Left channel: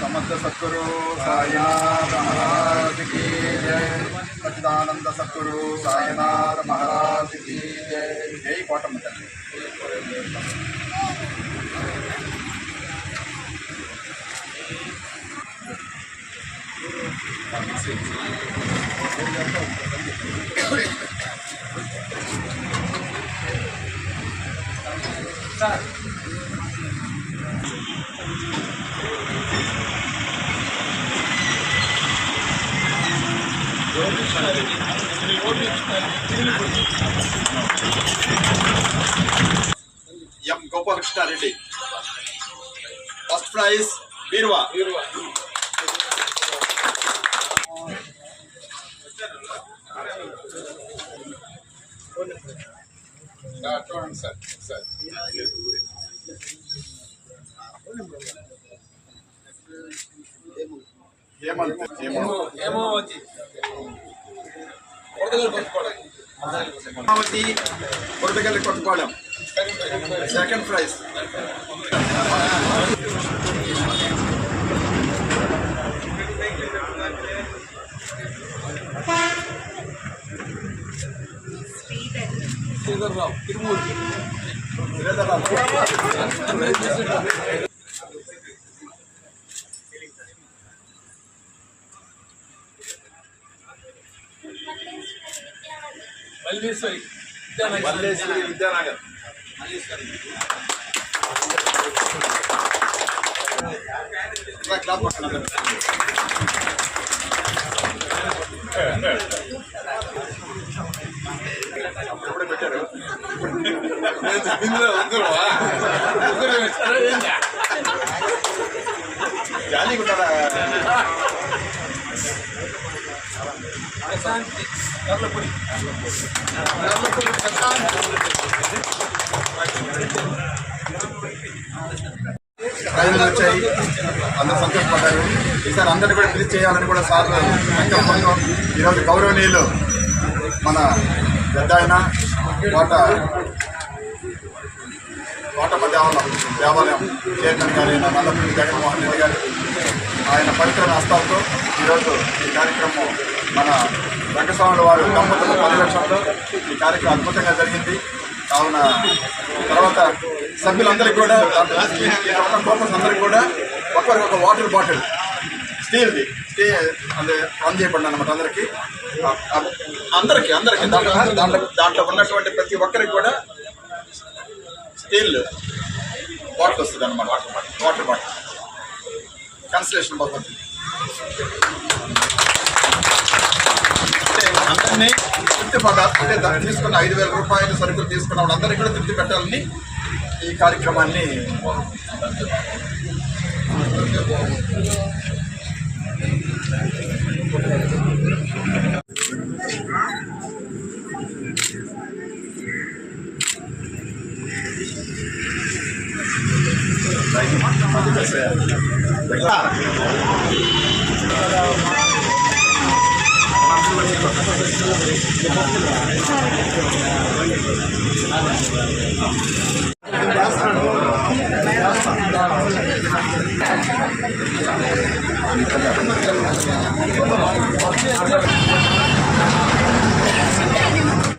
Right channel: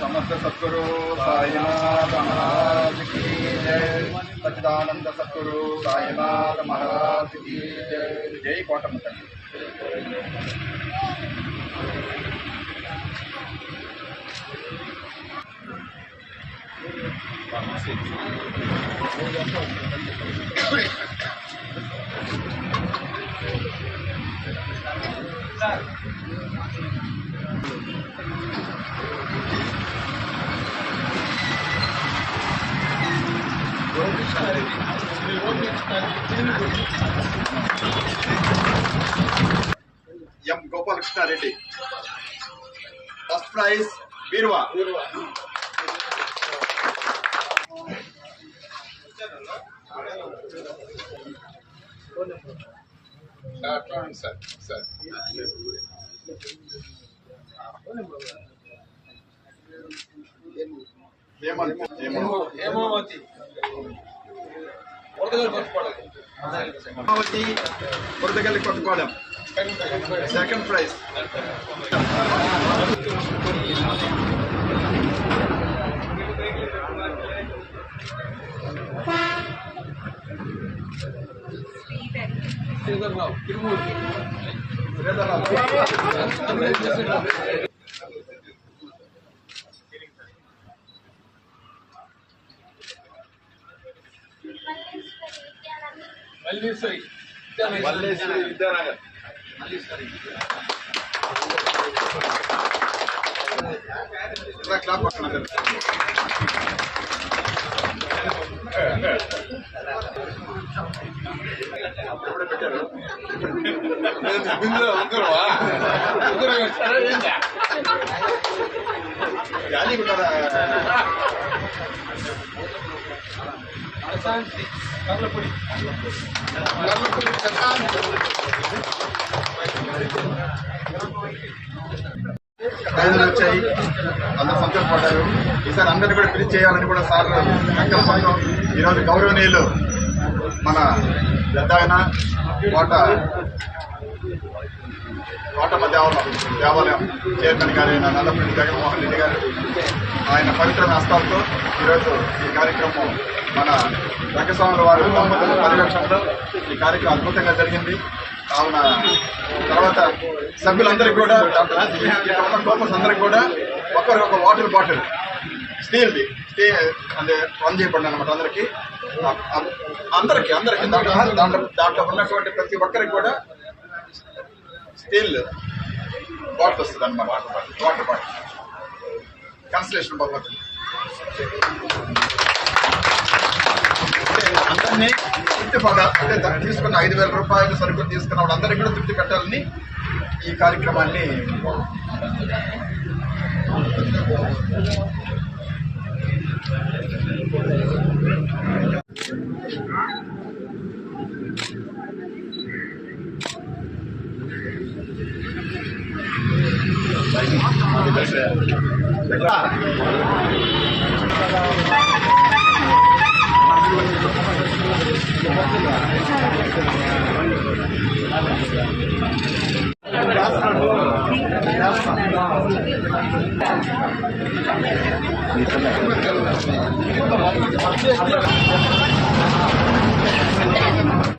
समस्त सद्गुरु साईनाथ महाराज की जय। सच्चिदानंद सद्गुरु साईनाथ महाराज की जय। जय कोटम तल्ली। M Gopalkrishna Reddy first prize बीरवा Hemavati కొరదగల్లి Kothapalem second prize Sridhar Rao Tirumurti Malleswari Vidyanagar clap పక్కన అప్పుడప్పుడే పెట్టారు జాలీగా ఉన్నారా ప్రశాంతి కర్లపూడి ప్రజలు వచ్చాయి, అందరూ సంతోషపడ్డారు. ఈసారి అందరినీ కూడా పిలిచి చేయాలని కూడా సార్లు సంకల్పంతో ఈరోజు గౌరవనీయులు మన పెద్ద ఆయన కోటమ్మ దేవాలయం చైర్మన్ గారు అయిన నల్లపల్లి జగన్మోహన్ రెడ్డి గారు ఆయన పవిత్ర హస్తాలతో ఈరోజు ఈ కార్యక్రమం మన రంగస్వాముల వారు దంపతుల పర్యవేక్షణలో ఈ కార్యక్రమం అద్భుతంగా జరిగింది. కావున తర్వాత సభ్యులందరికీ కూడా కోపర్స్ అందరికీ కూడా ఒకరికి వాటర్ బాటిల్ స్టీల్ది అదే రన్ చేయబడి అనమాట అందరికీ దాంట్లో ఉన్నటువంటి ప్రతి ఒక్కరికి కూడా స్టీల్ బాటిల్ వస్తుంది అన్నమాట. వాటర్ బాటిల్ కన్సలేషన్ బహుమతి అందరినీ తృప్తి అంటే తీసుకున్న 5,000 రూపాయలు సరుకులు తీసుకున్న వాళ్ళందరికీ కూడా తృప్తి పెట్టాలని ఈ కార్యక్రమాన్ని